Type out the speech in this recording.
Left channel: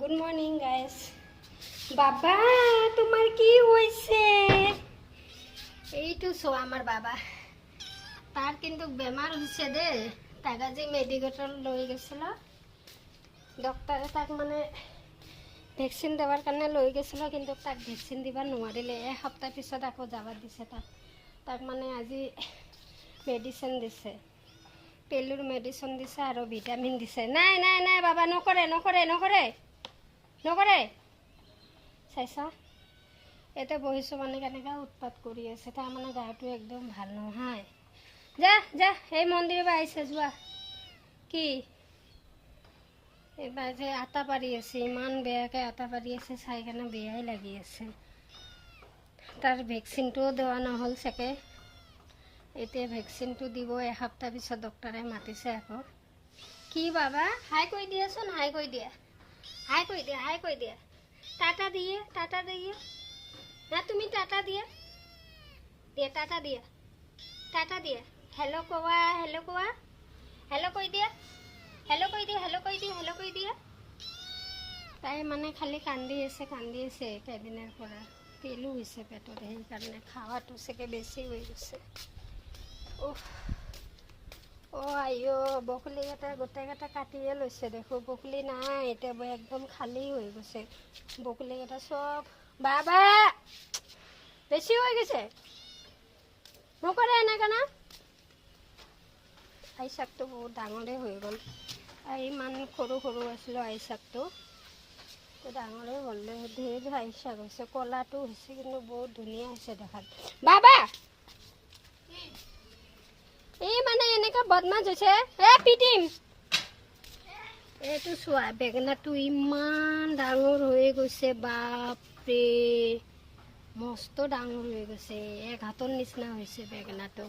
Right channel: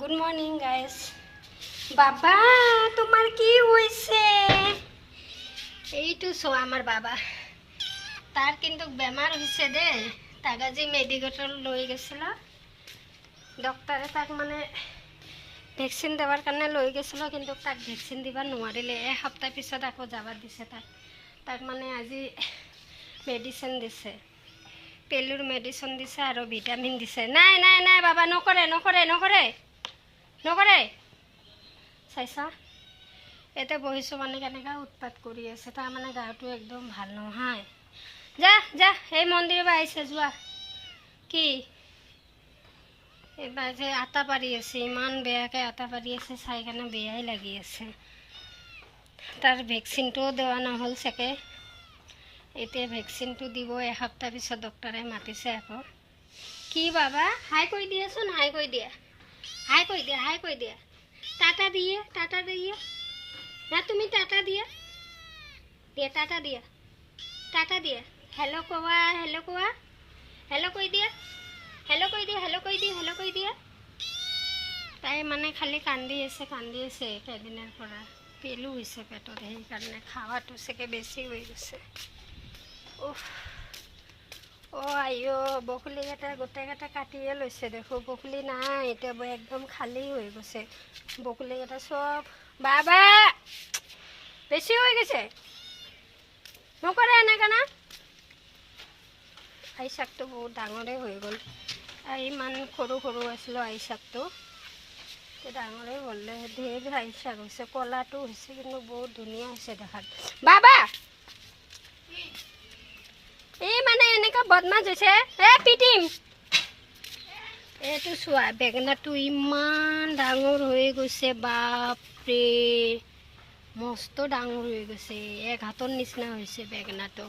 Good morning guys. বাবা তোমাৰ কি হয়েছে? এইটো চোৱা আমার বাবা, তার কিন্তু বেমার হয়েছে দে। তাক আজি মেডিকেল লৈ গেছিল ডক্টরে, তাক মানে ভেকচিন দেওয়ার কারণে লৈ গেছিল, কিন্তু তাক ভেকচিন দিবা নোৱাৰিলে। এসপ্তাহ পিছত আকৌ যাবা দিছে তাক। তাক মানে আজি মেডিচিন দিছে, পেলুর মেডিচিন দিছে আৰু ভিটামিন দিছে। নাই নাই নাই বাবা, নকৰে নকৰে নকৰে নকৰে। চাইছা এতিয়া বহিছোঁ মানে কেনেকৈ উৎপাত কৰি আছে। তাৰ মানে গাটো একদম ভাল নহয়। যা যা, এই মন্দিৰৰ পৰা আহিছে, যোৱা। কি এইবাৰ যে আটা পাৰি আছে, ইমান বেয়াকৈ আটা পাৰি আছে, চাই কেনে বেয়াই লাগি আছে। তাৰ ভেকচিনটোও দেওয়া নহ'ল চাগে, এতিয়া ভেকচিনটো দিব এসপ্তাহ পিছত ডক্টৰে মাতিছে আকৌ। কি বাবা, হাই কৈ দিয়াচোন, হাই কৈ দিয়া, হাই কৈ দিয়া, হাই কৈ দিয়া। টাটা দিয়ে, টাটা দিয়ে না, তুমি টাটা দিয়া দিয়ে, টাটা দিয়া, টাটা দিয়া। হেল্ল' কোৱা, হেল্ল' কোৱা, হেল্ল' কৈ দিয়া, হেল্ল' কৈ দিয়া, হেল্ল' কৈ দিয়া, হেল্ল' কৈ দিয়া। তাই মানে খালি কান্দি আছে কেইদিনৰ পৰা। পেলু হৈছে পেটত, সেইকাৰণে খাৱাটো চাগে বেছি হৈ গৈছে। অ' আইঅ, বকুলিকেইটা গোটেইকেইটা কাটিয়ে লৈছে দেখোঁ। বকুলি নাই এতিয়া, একদম খালী হৈ গৈছে বকুলিকেইটা চব। বাবা বেছি হৈ গৈছে, নকৰে এনেকৈ না। আই শাকটো বহুত ডাঙৰে হৈ গ'ল। ইমান সৰু সৰু আছিলোঁ আই শাকটো, ডাঙৰে হ'লে ধেৰ আই শাক হৈছে। ক'লাটো হৈছে কিন্তু বহুত ধুনীয়া হৈছে দেখাত। বাবা এই মানে এনেকুৱা বদমাছ হৈছে, পিটিম। এইটো চোৱা, বেঙেনাটো ইমান ডাঙৰ হৈ গৈছে, বাপৰে মস্ত ডাঙৰ হৈ গৈছে। এক হাতৰ নিচিনা হৈছে বেঙেনাটো।